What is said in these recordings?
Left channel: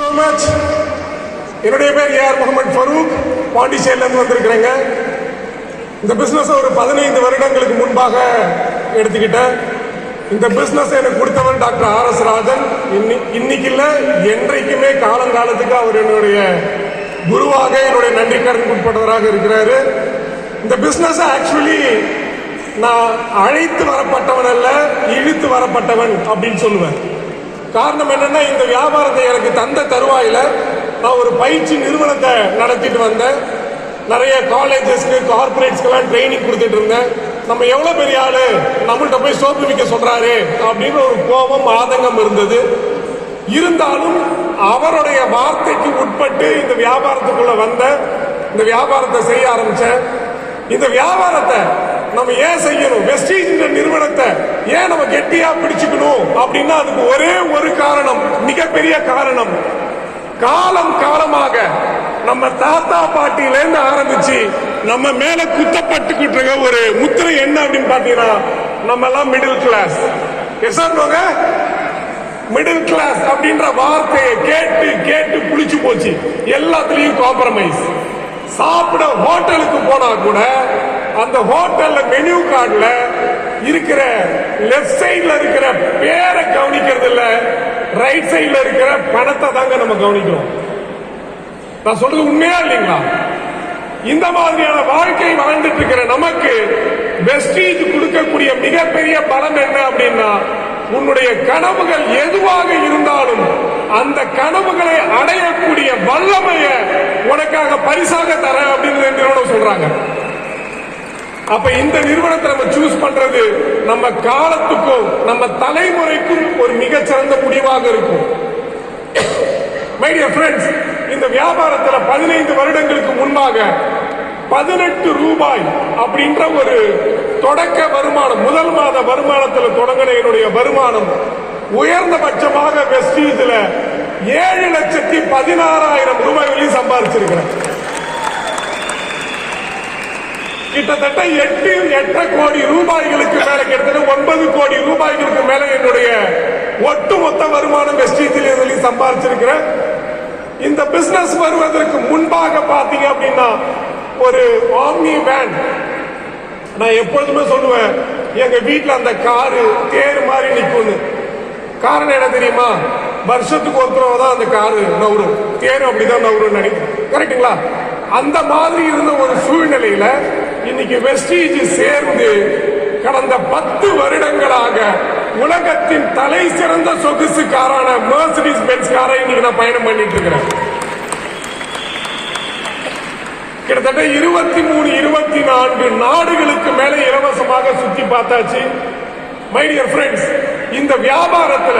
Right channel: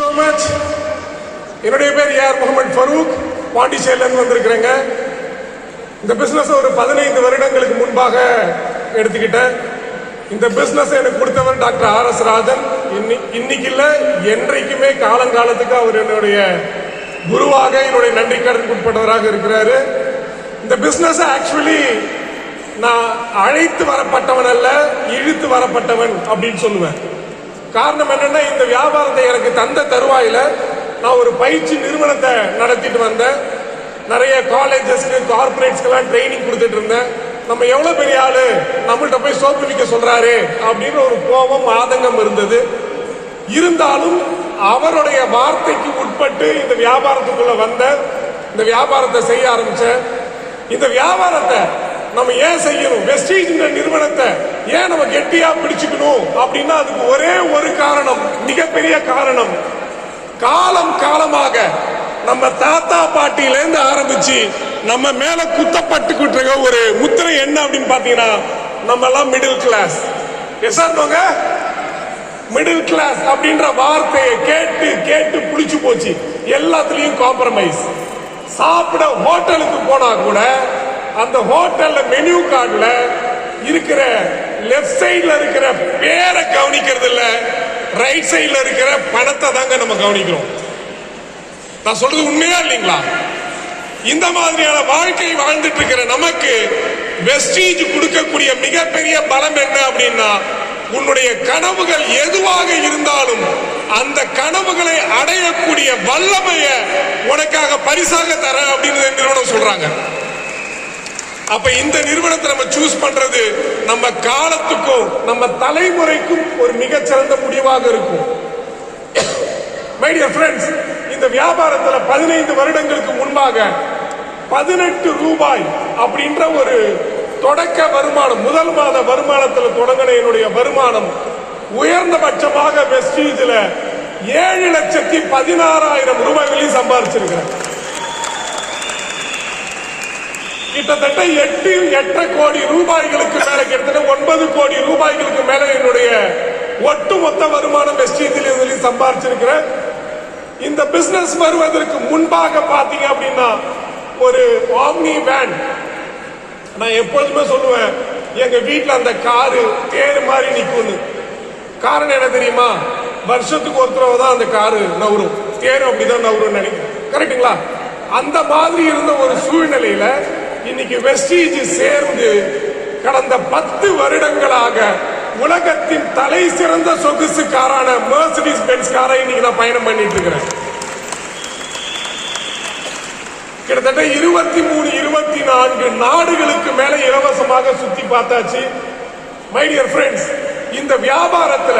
so much. என்னுடைய பேர் AR Mohammed Farooq, பாண்டிச்சேரியிலிருந்து வந்திருக்கிறேங்க. இந்த பிசினஸ் ஒரு 15 வருடங்களுக்கு முன்பாக எடுத்துக்கிட்டேன். இந்த பிசினஸ் எனக்கு கொடுத்தவர் டாக்டர் ஆர்.எஸ். ராஜன். இன்னைக்கு இல்ல, என்றைக்குமே காலங்காலத்துக்கு அவர் என்னுடைய குருவாக, என்னுடைய நன்றி கடன் உட்பட்டவராக இருக்கிறாரு. இந்த பிசினஸ் ஆக்சுவலி நான் அழைத்து வரப்பட்டவன் அல்ல, இழுத்து வரப்பட்டவன் அப்படின்னு சொல்லுவேன். காரணம் என்னன்னா, இந்த வியாபாரத்தை எனக்கு தந்த தருவாயில நான் ஒரு பயிற்சி நிறுவனத்தை நடத்திட்டு வந்தேன். நிறைய காலேஜஸ்க்கு, கார்பரேட்ஸ்க்கெல்லாம் ட்ரைனிங் கொடுத்துட்டு இருந்தேன். நம்ம எவ்வளவு பெரிய ஆளு, நம்மள்கிட்ட போய் சோப்பு விற்க சொல்றாரு அப்படின்னு ஒரு கோபம், ஆதங்கம் இருந்தது. இருந்தாலும் அவருடைய வார்த்தைக்கு உட்பட்டு இந்த வியாபாரத்துக்குள்ள வந்த, இந்த வியாபாரத்தை செய்ய ஆரம்பிச்சேன். இந்த வியாபாரத்தை நம்ம ஏன் செய்யணும், வெஸ்டீஜ் நிறுவனத்தை ஏன் நம்ம கெட்டியா பிடிச்சுக்கணும் அப்படின்னா அதுக்கு ஒரே ஒரு காரணம், மிகப்பெரிய காரணம். காலம் காலமாக நம்ம தாத்தா பாட்டியிலேருந்து ஆரம்பிச்சு நம்ம மேல குத்தப்பட்டுக்கிட்டு இருக்க ஒரு முத்திரை என்ன அப்படின்னு பாத்தீங்கன்னா, நம்ம எல்லாம் மிடில் கிளாஸ். மிடில் கிளாஸ் அப்படின்ற வார்த்தையை கேட்டு கேட்டு புளிச்சு போச்சு. எல்லாத்துலயும் காம்ப்ரமைஸ். சாப்பிட ஹோட்டலுக்கு போனா கூட அந்த ஹோட்டல்ல மெனு கார்டுல இருக்கிற லெஃப்ட் சைட்ல இருக்கிற பேரை கவனிக்கிறது இல்ல, ரைட் சைட்ல இருக்கிற பணத்தை தாங்க நம்ம கவனிக்கிறோம். நான் சொல்றது உண்மையா இல்லைங்களா? இந்த மாதிரியான வாழ்க்கை வாழ்ந்துட்டு இருக்கிற நமக்கு வெஸ்டீஜ் கொடுக்கக்கூடிய மிகப்பெரிய பலம் என்ன அப்படின்னா, உன்னுடைய கனவுகள் எதுவாக இருந்தாலும் அந்த கனவுகளை அடையக்கூடிய வல்லமைய உனக்காக பரிசாக தர அப்படின்னு நிறுவனம் சொல்றாங்க. அப்ப இந்த நிறுவனத்தை நம்ம சூஸ் பண்றது நம்ம காலத்துக்கும் நம்ம தலைமுறைக்கும் ஒரு மிகச்சிறந்த முடிவாக இருக்கும். மை டியர் ஃப்ரெண்ட்ஸ், இந்த வியாபாரத்துல 15 வருடங்களுக்கு முன்பாக 18 ரூபாய் அப்படின்ற ஒரு தொடக்க வருமானம், முதல் மாத வருமானத்தில் தொடங்கின என்னுடைய வருமானம் உயர்ந்தபட்சமாக வெஸ்டீஜ்ல 7,16,000 ரூபாய்களையும் சம்பாதிச்சிருக்கிறேன். கிட்டத்தட்ட 8 கோடி ரூபாய்களுக்கு மேல, கிட்டத்தட்ட 9 கோடி ரூபாய்களுக்கு மேல என்னுடைய ஒட்டுமொத்த வருமானம் வெஸ்டீஜில் சம்பாதிச்சிருக்கிறேன். இந்த பிசினஸ் வருவதற்கு முன்பாக பாத்தீங்க அப்படின்னா, ஒரு ஆம்னி வேன், நான் எப்பொழுதுமே சொல்லுவேன், எங்க வீட்டுல அந்த காரு தேர் மாதிரி நிக்கும். காரணம் என்ன தெரியுமா? வருஷத்துக்கு ஒரு தடவை தான் அந்த காரு நவரும், தேர் அப்படிதான் நவரும் நினைக்கிறேன். கரெக்டுங்களா? அந்த மாதிரி இருந்த ஒரு சூழ்நிலையில இன்னைக்கு வெஸ்டீஜ் சேர்ந்து கடந்த 10 வருடங்களாக உலகத்தின் தலை சிறந்த சொகுசு காரான மெர்சிடிஸ் பென்ஸ் காரை இன்னைக்கு நான் பயணம் பண்ணிட்டு இருக்கிறேன். கிட்டத்தட்ட 23-24 நாடுகளுக்கு மேல இலவசமாக சுத்தி பார்த்தாச்சு. மை டியர் ஃப்ரெண்ட்ஸ், இந்த வியாபாரத்துல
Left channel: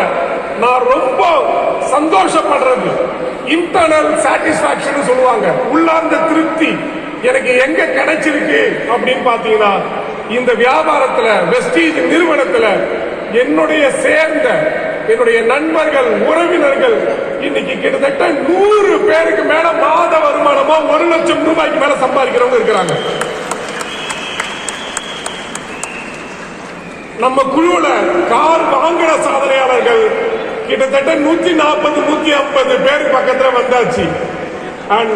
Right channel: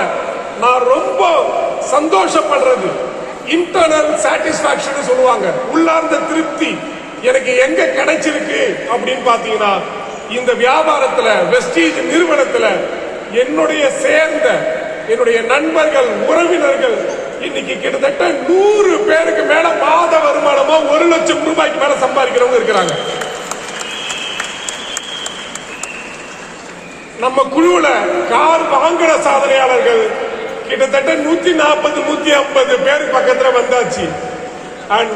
நான் ரொம்ப சந்தோஷப்படுறது இன்டர்னல் சாட்டிஸ்பாக்சன் சொல்லுவாங்க, உள்ளார்ந்த திருப்தி எனக்கு எங்க கிடைச்சிருக்கு அப்படின்னு பாத்தீங்கன்னா, இந்த வியாபாரத்துல வெஸ்டீஜ் நிறுவனத்துல என்னுடைய சேர்ந்த என்னுடைய நண்பர்கள், உறவினர்கள் இன்னைக்கு கிட்டத்தட்ட 100 பேருக்கு மேல மாத வருமானமா 1 லட்சம் ரூபாய்க்கு மேல சம்பாதிக்கிறவங்க இருக்கிறாங்க. நம்ம குழுவுல கார் வாங்கின சாதனையாளர்கள் கிட்டத்தட்ட 140-150 பேருக்கு பக்கத்துல வந்தாச்சு. அண்ட்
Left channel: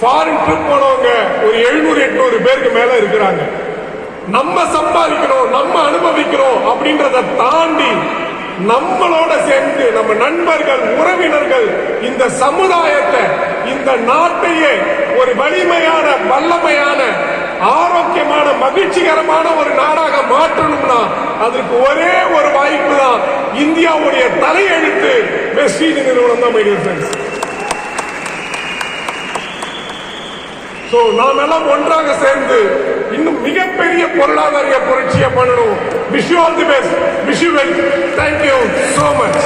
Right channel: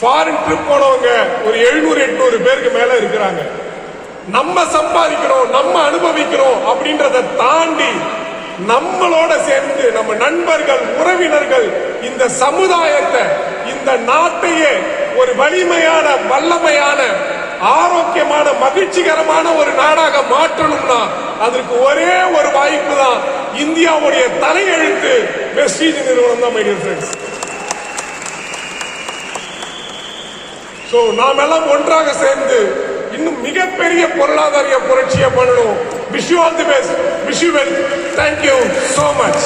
ஃபாரின் ட்ரிப் போனவங்க ஒரு 700-800 பேருக்கு மேல இருக்கிறாங்க. நம்ம சம்பாதிக்கிறோம், நம்ம அனுபவிக்கிறோம் அப்படின்றத தாண்டி நம்மளோட சேர்ந்து நம்ம நண்பர்கள், உறவினர்கள் இந்த சமுதாயத்தை, இந்த நாட்டையே ஒரு வலிமையான, வல்லமையான, ஆரோக்கியமான, மகிழ்ச்சிகரமான ஒரு நாடாக மாற்றணும்னா அதற்கு ஒரே ஒரு வாய்ப்பு தான் இந்தியாவுடைய தலையெழுத்து வெஸ்டீஜ் நிறுவனம் தான். மை டியர் ஃப்ரெண்ட்ஸ், சோ நாம் எல்லாம் ஒன்றாக சேர்ந்து இன்னும் மிகப்பெரிய பொருளாதார புரட்சியை பண்ணணும். Wish you all the best. Wish you well. Thank you so much.